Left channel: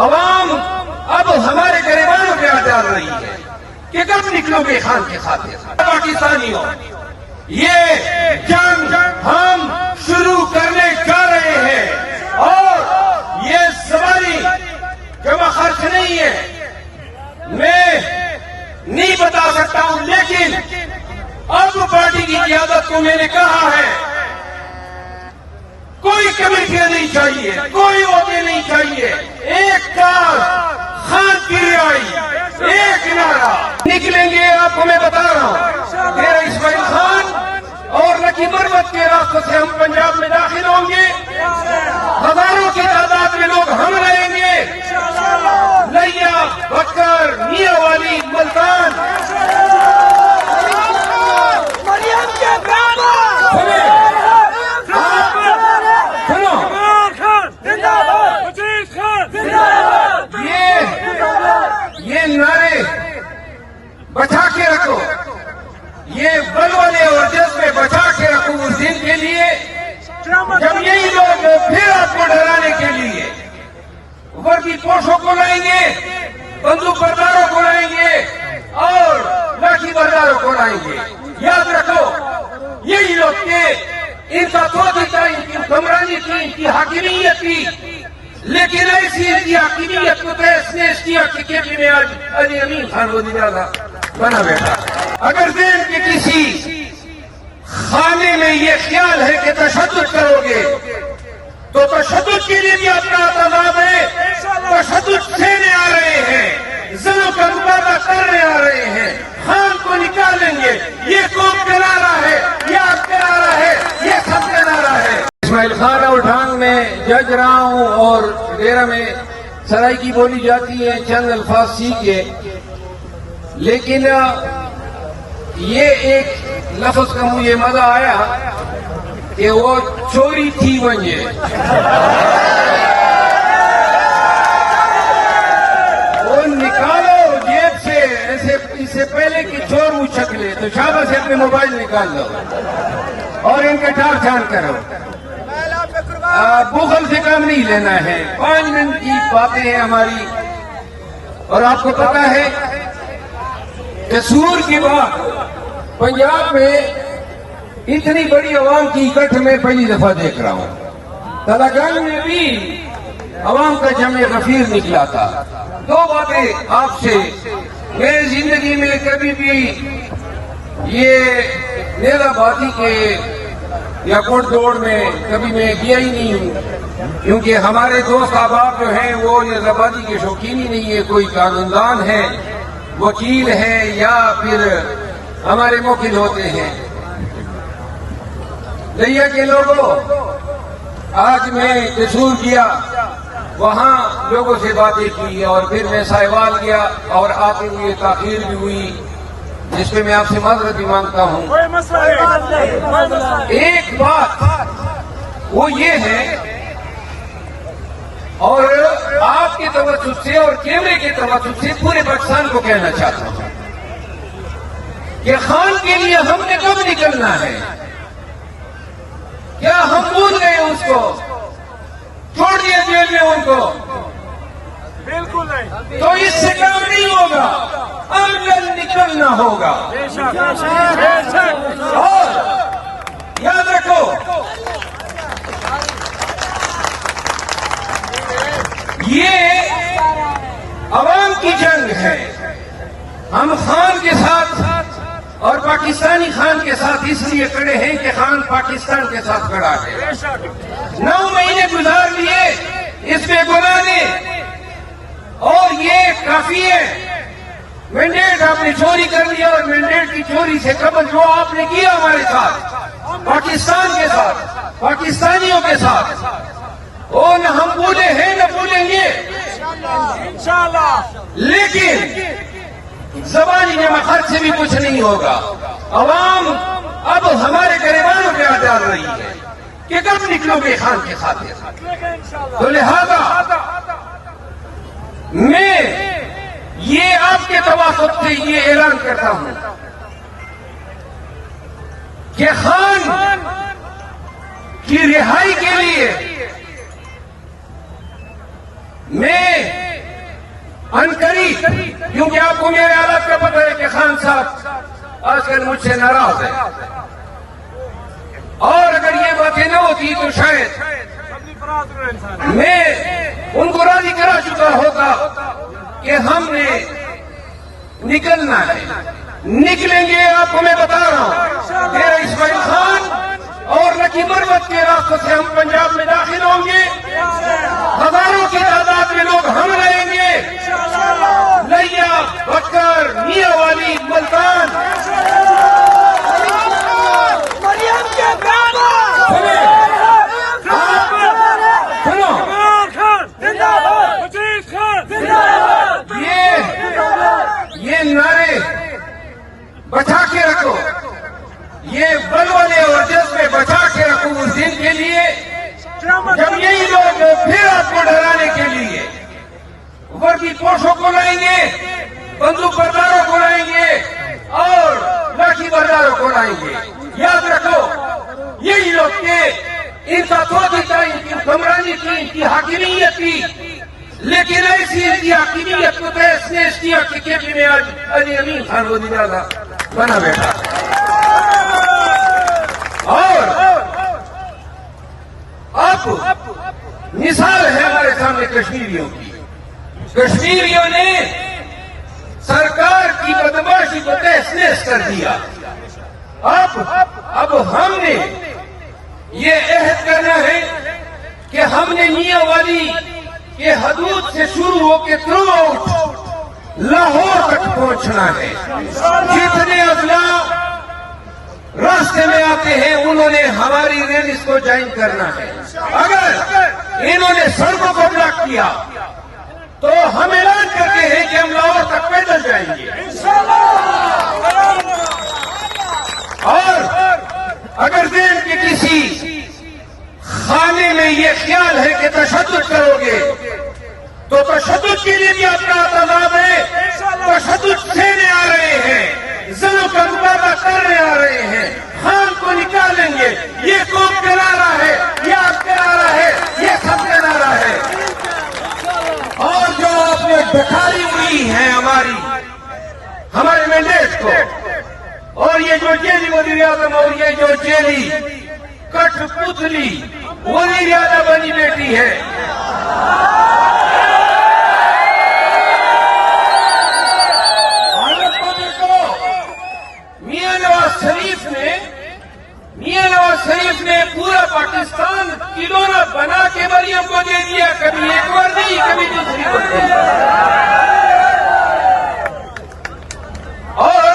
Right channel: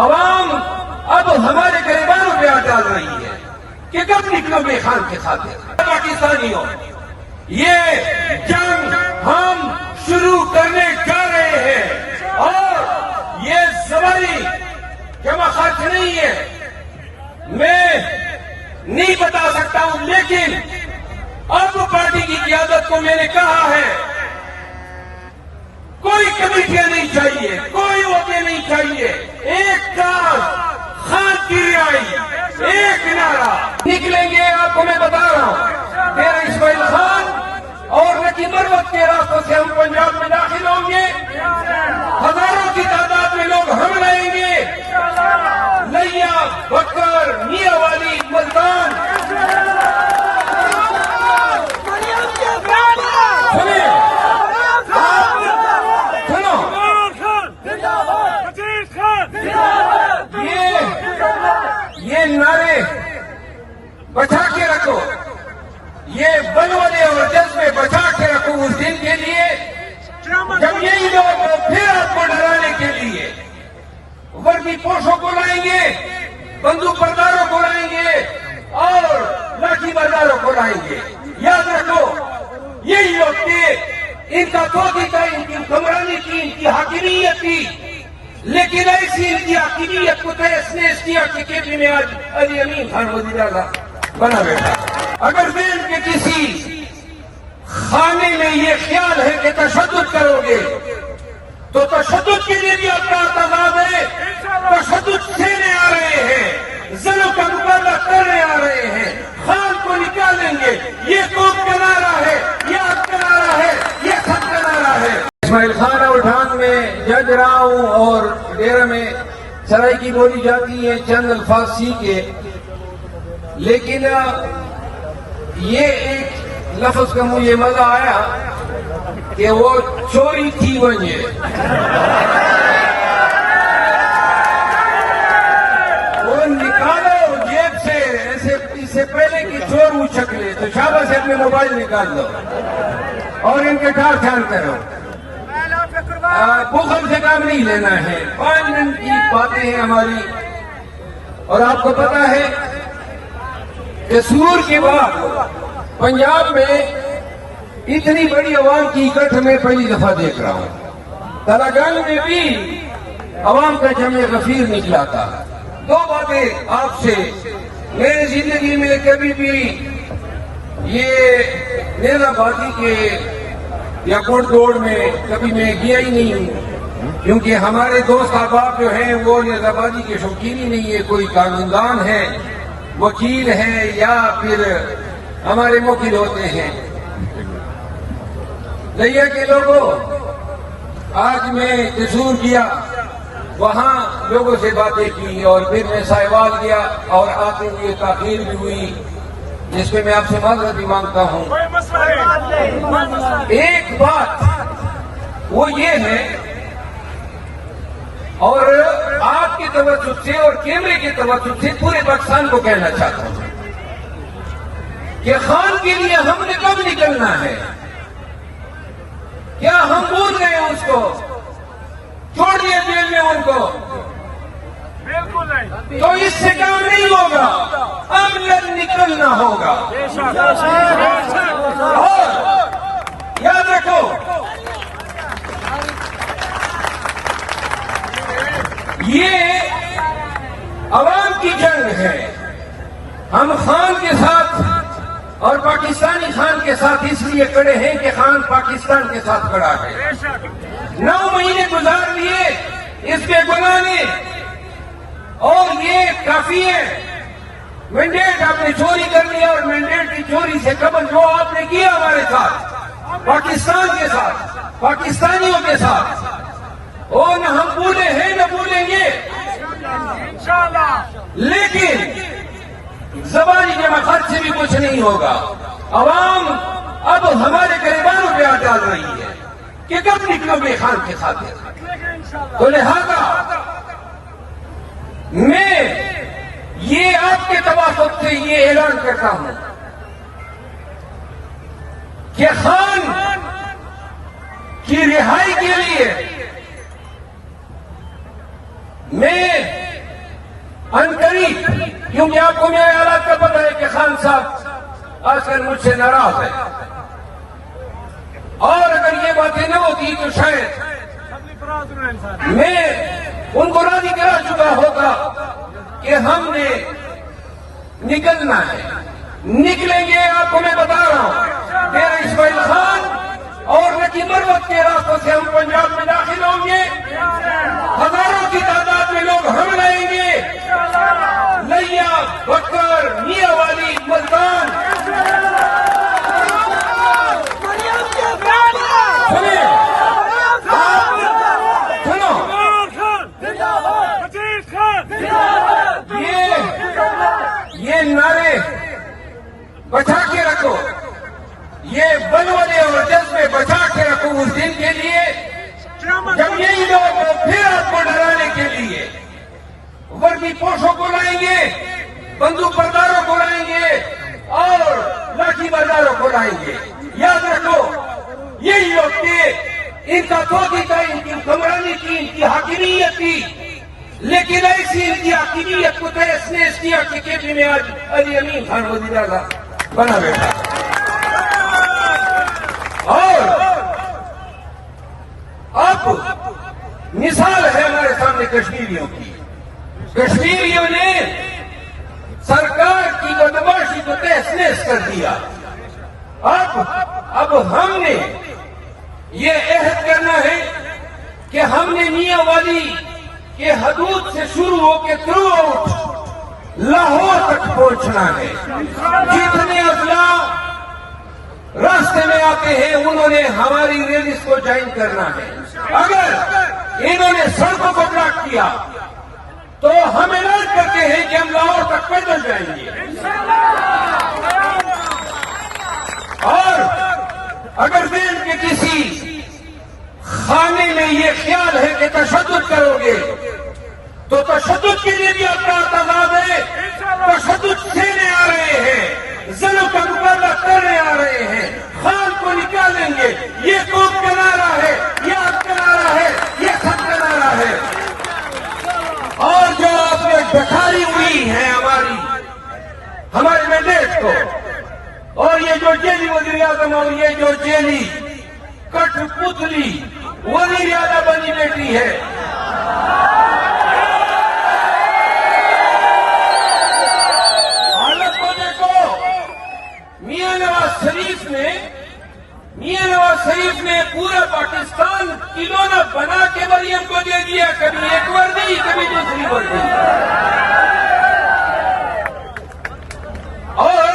عوام اب ہمارے گریبانوں پہ ہاتھ ڈال رہی ہے کہ کب نکلو گے خان کے خاطر. پاکستانیوں، یہ جنگ ہم شروع کرنے جا رہے ہیں اور یہ زبانی جمع خرچ نہیں ہے. میں نہیں بتا سکتا ہوں، لیکن اب پارٹی کی قیادت کو میں نے کہا ہے کوئی کمیٹیاں نہیں چاہیے، کوئی عہدے نہیں چاہیے. ایک کار خان کی رہائی، ایک نعرہ. نکلیں گے آپ کو میں بتا رہا ہوں. ڈیرہ اسماعیل خان اور نکی مرمت کے راستوں سے ہم پنجاب میں داخل ہوں گے. ہزاروں کی تعداد میں لوگ ہم رہیں گے. لیا، بکر، میاں والی، ملتان. یہ نعرے بچا کے رکھو، یہ بلبلے اور جذبے بچا کے رکھو اس دن کے لیے جب یہی لوگ پھر آپ کو ڈرانے کے لیے وردی پوشوں کو لائیں گے، بندوق برداروں کو لائیں گے اور لاٹھی برداروں کو لائیں گے. یاد رکھو یہی لوگ کہ ان کا سوچی تھا، ان کی حکمرانی کی، ان کی حاکمیت کی، لیکن ایسی ان کی حاکمیت کو تحس نحس کیا کہ کیپی میں آج علی امین خان وزیر اعلیٰ بنا بیٹھا. اگر دین کے کسی خانے میں یہ خیال ہے کہ تشدد کرو گے تو تشدد کے لیے بھی اپنا اعتماد ہے. تشدد سہنے آ رہے ہیں، ظلم کا مقابلہ کرنے آ رہے ہیں. خان کو نکالیں گے. یہ قوم کا نعرہ ہے، یہ آپ کا نعرہ ہے، یہ سب کا نعرہ ہے. اسماعیل خان راوٹھان میں جج رہا ہوں اور ڈیرہ میں سرائکی بولی جاتی ہے چند الفاظ سیکھے، لیکن یہ ایک لفظ کا مجھے مزہ آیا کہ وہ چوری تھی بنجے. وہ نکالو جیب سے، ایسے اس سے پہلے کہ چور اچھک لے تو شاباش سے اپنے موبائل نکال لو اور ان کے ٹھان ٹھان کرو. بخل سے کام نہیں لینا ہے. 5 منٹ کی باتیں ہیں ہماری. اور آپ کو پتا ہے کہ سور کے بعد پنجاب میں اتنی بڑی عوام کی اکٹھ میں پہلی دفعہ دیکھ رہا ہوں. تلاگنگ میں بھی عوام کا جمع غفیر نکلا تھا. 2 باتیں آپ سے. میری زندگی میں کبھی بھی یہ نیلا باتی کے یا کوٹ دوڑ میں کبھی میں گیا ہی نہیں ہوں، کیونکہ ہمارے دوست احباب جو ہیں وہ نیلا بازی کے شوقین ہی نہیں ہے. کوئی قانوندان ہے، وکیل ہیں یا پھر ہمارے موکل ہوتے ہیں. لیا کے لوگوں، آج میں قصور کیا، وہاں لوگوں سے باتیں کی اور پھر میں سائیوال کیا اور آتے ہوئے تاخیر بھی ہوئی جس پہ میں آپ سے معذرت بھی مانگتا ہوں. ایک بات وہ یہ ہے اور آپ کے توجہ سے اور کیمرے کے توجہ سے پورے پاکستان کو کہنا چاہتا ہوں کہ خان کے لیے ہم نے کب نکلنا ہے. کیا ہم بھول گئے اس کو؟ چھوڑ دیا جیل میں ان کو؟ بالکل نہیں. تو اس سے کام نہیں ہوگا. اب نکلنا ہوگا. یاد رکھو یہ عوام کی جنگ ہے. ہم خان کے ساتھ اور پاکستانی خان کے ساتھ اس لیے کھڑے ہیں کہ خان پاکستان کے ساتھ کھڑا ہے. 9 مہینے گزار لیے اس پہ بنانے اور یہ کافی ہے. مینڈیٹ آپ نے چوری کر لیا اور مینڈیٹ کی چوری سے قبل جو آپ نے کیا ہمارے ساتھ، پاکستان کے ساتھ، پاکستانیوں کے ساتھ، وہ نہ ہم بھولے ہیں نہ بھولیں گے انشاءاللہ. لیکن زبانی جمع خرچ سے بھی کچھ نہیں ہوگا. عوام اب ہمارے گریبانوں پہ ہاتھ ڈال رہی ہے کہ کب نکلو گے خان کے خاطر. تو لہذا میں یہ آپ کے توافق سے یہ اعلان کرتا ہوں کہ خان کی رہائی کے لیے میں انقریب، کیونکہ آپ کو میرے حالات کا پتہ ہے کہ خان صاحب آج کل مجھ سے ناراض ہے، اور اگر یہ باتیں نہ ہوتی تو شاید میں ان کو راضی کرا چکا ہوگا کہ ہم نے نکلنا ہے، نکلیں گے۔ آپ کو میں بتا رہا ہوں، میرا اسماعیل خان اور نکی مروت کے راستوں سے ہم پنجاب میں داخل ہوں گے، ہزاروں کی تعداد میں لوگ ہم لائیں گے، لیا، بکر، میاں والی، ملتان، یہ نعرے بچا کے رکھو، یہ بلبلے اور جذبے بچا کے رکھو اس دن کے لیے جب یہی لوگ پھر آپ کو ڈرانے کے لیے وردی پوشوں کو لائیں گے، بندوق برداروں کو لائیں گے اور لاٹھی برداروں کو لائیں گے۔ یاد رکھو، یہی لوگ تھے، ان کا سوچی تھا، ان کی حکمرانی تھی، ان کی حاکمیت تھی، لیکن ایسی ان کی حاکمیت کو تحس نحس کیا کہ کیپی میں آج علی امین خان وزیر اعظم بنا بیٹھا۔ اور اب مثال ہے ہمارے سامنے کشمیریوں کی، کشمیریوں نے سرکار کی بدماشی کو تحس نحس کر دیا۔ اب ہم نے یہ عہد کرنا ہے کہ ہم نے میاں والی کے حدود سے شروع ہو کے تھرو آؤٹ لاہور تک پہنچنا ہے۔ جتنے اضلاع راستے میں آتے ہیں انہوں نے ہماری ریلیز کو جوائن کرنا ہے۔ اگر انہوں نے سڑکوں کو بلاک کیا تو ہم اعلان کرتے ہیں کہ ہم لاہور تک پیدل جائیں گے، اور اگر دین کے کسی خانے میں یہ خیال ہے کہ تشدد کرو گے تو تشدد کے لیے بھی اپنا اعتماد ہے، تشدد سہنے آ رہے ہیں، زنوں کا مقابلہ کرنے آ رہے ہیں، خان کو نکالیں گے۔ یہ قوم کا نعرہ ہے، یہ آپ کا نعرہ ہے، یہ سب کا نعرہ ہے۔ اور جو آپ نے دکھائی ہوئی ہے ہمارے مینڈیٹ کو، اور یہ جو جیلی وزیر اعظم اور یہ جو جیلی کٹ پتلی وزیر اعظم بنی بیٹی ہے، میاں نواز شریف نے پورا پاکستان کھلونا بنا کے مریم کو دے دیا، کبھی ایک وردی کبھی دوسری وردی، اور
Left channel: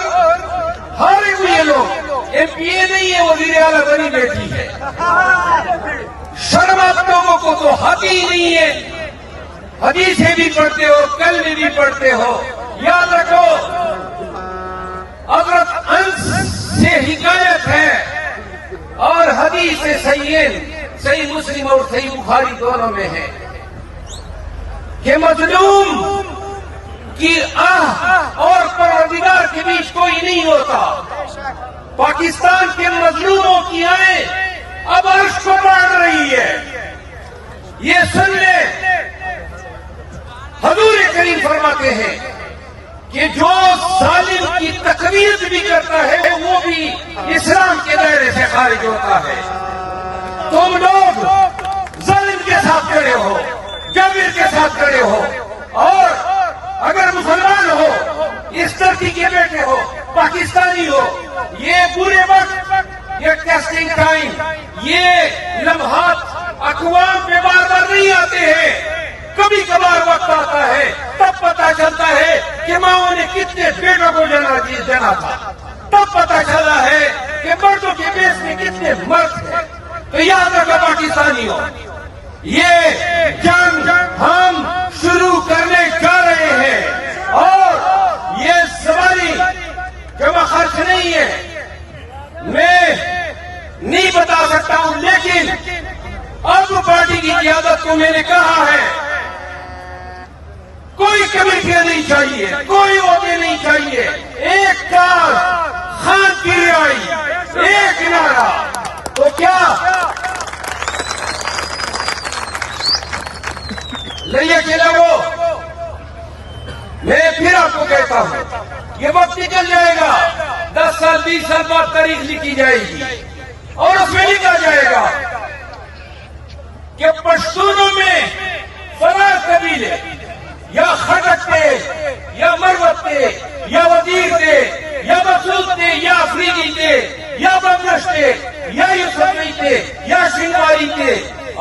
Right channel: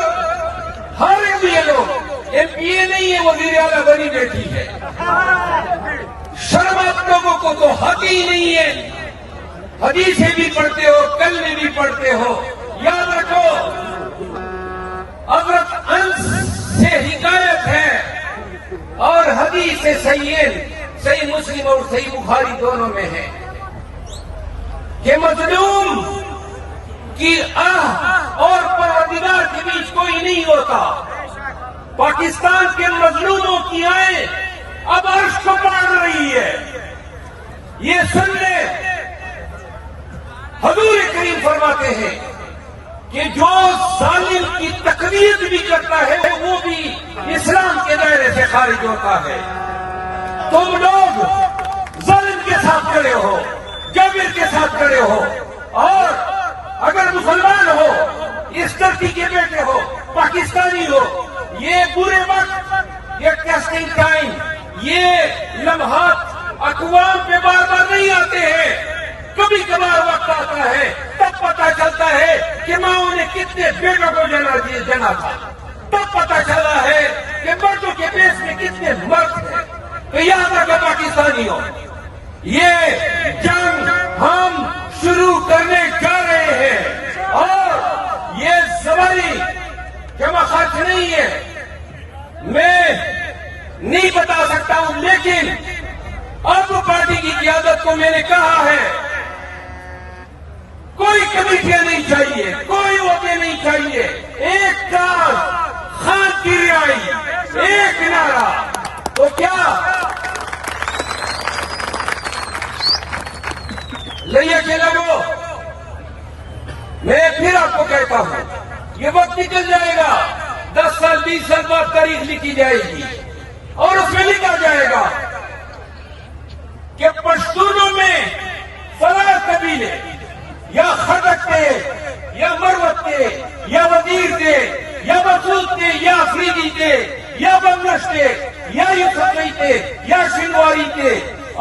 ہر یہ لوگ ایم پی اے نہیں ہے، وزیر اعلیٰ بنی بیٹی ہے۔ شرم آپ لوگوں کو تو حق ہی نہیں ہے، حدیثیں بھی پڑھتے ہو، کلمے بھی پڑھتے ہو۔ یاد رکھو، حضرت انس سے حکایت ہے اور حدیث صحیح مسلم اور صحیح بخاری دونوں میں ہے کہ مظلوم کی آہ اور پروردگار کے بیچ کوئی نہیں ہوتا۔ پاکستان کے مظلوموں کی آہیں اب عرش کو پاڑ رہی ہے۔ یہ سن لے، حضور کریم فرماتے ہیں کہ جو ظالم کی تقویت بھی کرتا ہے وہ بھی اسلام کے دائرے سے خارج ہوتا ہے۔ تم لوگ ظالم کے ساتھ کھڑے ہو، جابر کے ساتھ کھڑے ہو، اور اگر مسلمان ہو، اس دھرتی کے بیٹے ہو، پاکستانی ہو، یہ برے وقت، یہ ٹیسٹنگ ٹائم، یہ لمحات اقوام پہ بار بار نہیں آتے ہیں، کبھی کبھار وقت آتا ہے، تب پتا چلتا ہے کہ ماں نے کتنے بیٹوں کو جنا تھا، تب پتا چلا ہے کہ مردوں کے بیس میں کتنے مرد ہیں۔ تو یاد رکھیں پاکستانیوں، یہ جنگ ہم شروع کرنے جا رہے ہیں، اور یہ زبانی جمع خرچ نہیں ہے، میں نہیں بتا سکتا ہوں، لیکن اب پارٹی کی قیادت کو میں نے کہا ہے کوئی کمیٹیاں نہیں چاہیے، کوئی عہدے نہیں چاہیے، ایک کار خان کی رہائی، ایک نعرہ۔ تو کیا لئیے کے لوگوں، میں پھر آپ کو کہتا ہوں یہ وقت نکل جائے گا، 10 سال 20 سال بعد تاریخ لکھی جائے گی اور اس میں لکھا جائے گا کہ پشتونوں میں فلاں قبیلے یا خٹک تھے یا مروت تھے یا وزیر تھے یا مسعود تھے یا افریدی تھے یا بندش تھے یا یوسفی تھے یا شنواری تھے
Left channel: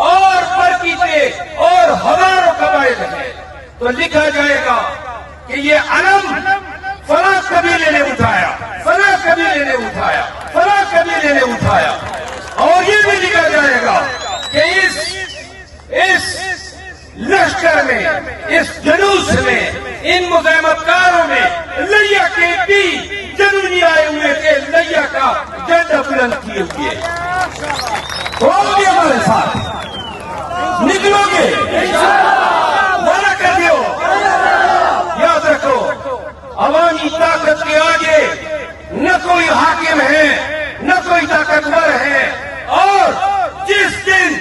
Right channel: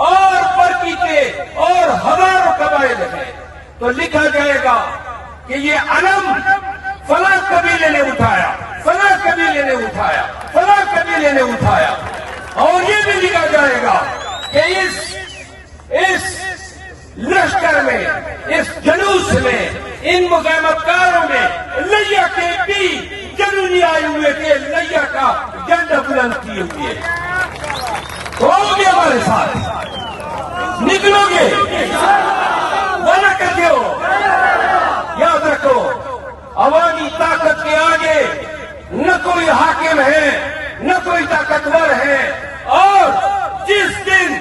اور برقی تھے اور ہزاروں قبائل ہیں، تو لکھا جائے گا کہ یہ علم فلاں قبیلے نے اٹھایا، فلاں قبیلے نے اٹھایا، فلاں قبیلے نے اٹھایا، اور یہ بھی لکھا جائے گا کہ اس لشکر میں، اس جلوس میں، ان مزاحمت کاروں میں لیا کے بھی جنونی آئے ہوئے کے لیا کا جھنڈا بلند کیے ہوئے ہوگے ہمارے ساتھ، نکلو گے، وعدہ کر دو، یاد رکھو عوامی طاقت کے آگے نہ کوئی حاکم ہے نہ کوئی طاقتور ہے، اور جس دن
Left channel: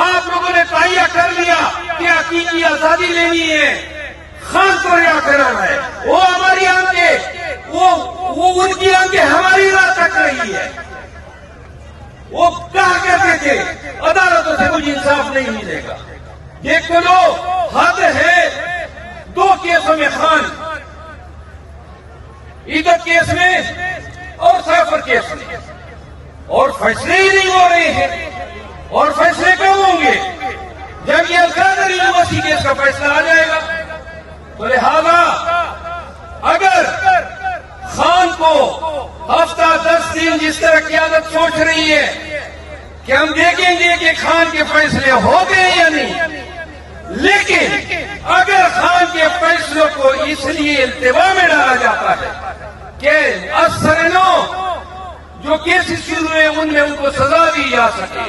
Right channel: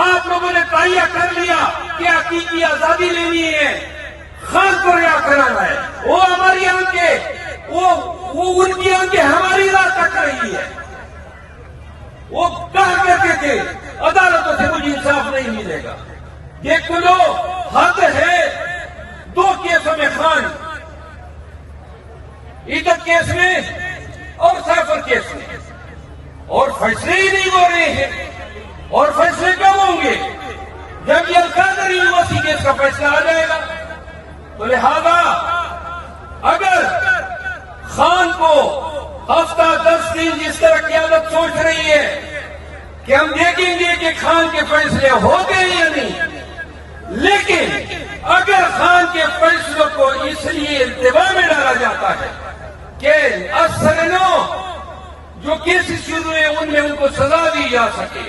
آپ لوگوں نے تہیہ کر لیا کہ حقیقی آزادی لینی ہے، خان کو رہا کرانا ہے، وہ ہماری آنکھیں، وہ ان کی آنکھیں ہماری راہ تک رہی ہے، وہ کہا کرتے تھے عدالتوں سے مجھے انصاف نہیں ملے گا، دیکھ لو حد ہے، 2 کیسوں میں خان، عیدت کیس میں اور سافر کیس میں، اور فیصلے ہی نہیں ہو رہے ہیں، اور فیصلے کب ہوں گے جب یہ القادر یونیورسٹی کیس کا فیصلہ آ جائے گا؟ تو لہذا اگر خان کو ہفتہ 10 دن جس طرح قیادت سوچ رہی ہے کہ ہم دیکھیں گے کہ خان کے فیصلے ہو گئے یا نہیں، لیکن اگر خان کے فیصلوں کو اس لیے التوا میں ڈالا جاتا ہے کہ افسر نو جو کیسز شروع ہوئے ان میں ان کو سزا دی جا سکے،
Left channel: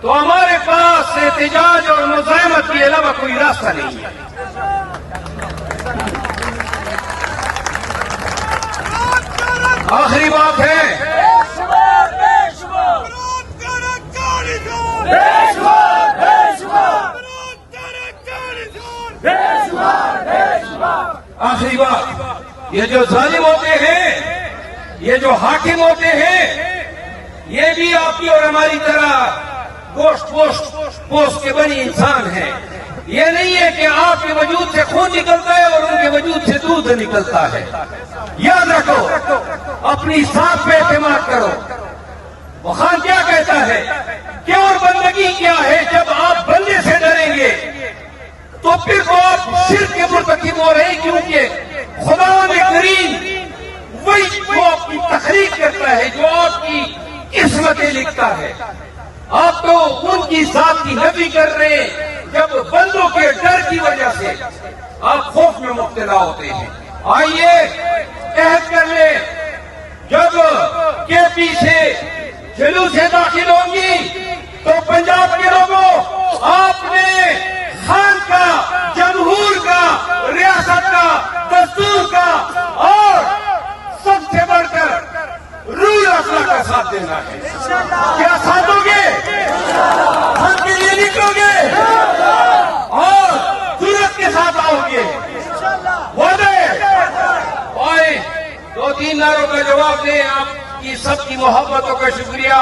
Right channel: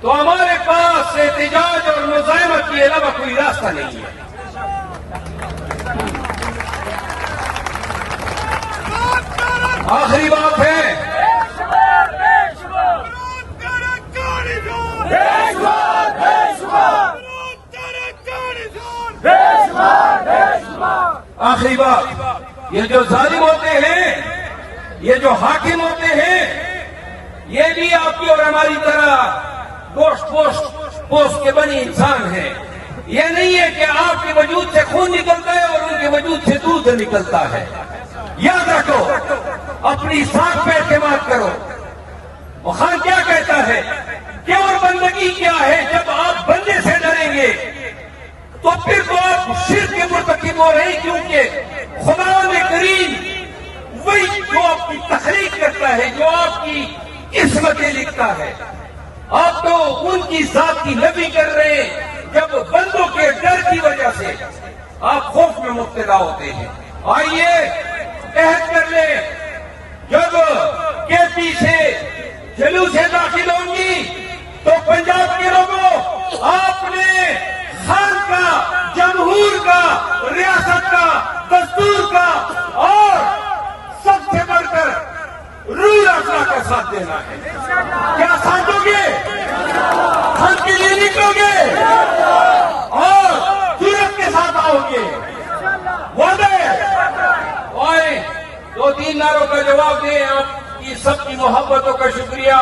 تو ہمارے پاس احتجاج اور مزاحمت کے علاوہ کوئی راستہ نہیں ہے۔ آخری بات ہے، آخری بات، یہ جو ظالم ہوتے ہیں، یہ جو حاکم ہوتے ہیں، یہ بھی آپ کی اور ہماری طرح گوشت پوست کے بنی انسان ہیں۔ یہ نہیں ہے کہ آپ کے وجود سے خون نکلتا ہے اور ان کے وجود سے دودھ نکلتا ہے۔ یاد رکھو، اپنی سانس پہ اعتماد کرو۔ وہ خان کیا کہتا ہے کہ اور بندگی کیا ہے؟ جب آپ بندے سے ڈریں گے تو پھر وہ آپ شرک کے مرتکب ہو رہے ہیں، کیونکہ خدا میں کریم وہی جو آپ کی تخلیق کرتا ہے، جو آپ کی قسمتیں لکھتا ہے، آپ تو ان کی ذات کی نفی کر رہے ہیں جب بندوں کے ڈر کی وجہ سے آپ خوف میں مبتلا ہوتے ہیں۔ آئیے عہد کر لیں، جب کے پی سے جلوسیں داخل ہوں گی تو پنجاب کے لوگوں آپ نے خان کا، جمہور کا، ریاست کا، دستور کا اور سب سے بڑھ کر رول اپنا کا ساتھ دینا ہے۔ کیا ساتھ دو گے؟ خود کے لیے نکلو گے اور جرأت کے ساتھ آؤ گے؟ وعدے آئے 2-3 نعروں کا جواب دیں۔ آپ کی سب کی محبتوں کا شکریہ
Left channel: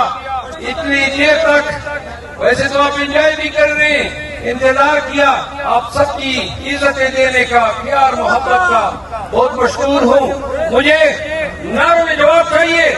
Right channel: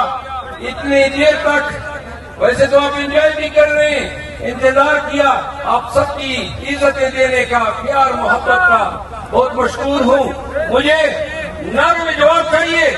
اتنی دیر تک، ویسے تو آپ انجوائے بھی کر رہے ہیں، انتظار کیا، آپ سب کی عزتیں دینے کا، پیار محبت کا بہت مشکور ہوں۔ مجھے نعروں میں جواب چاہیے۔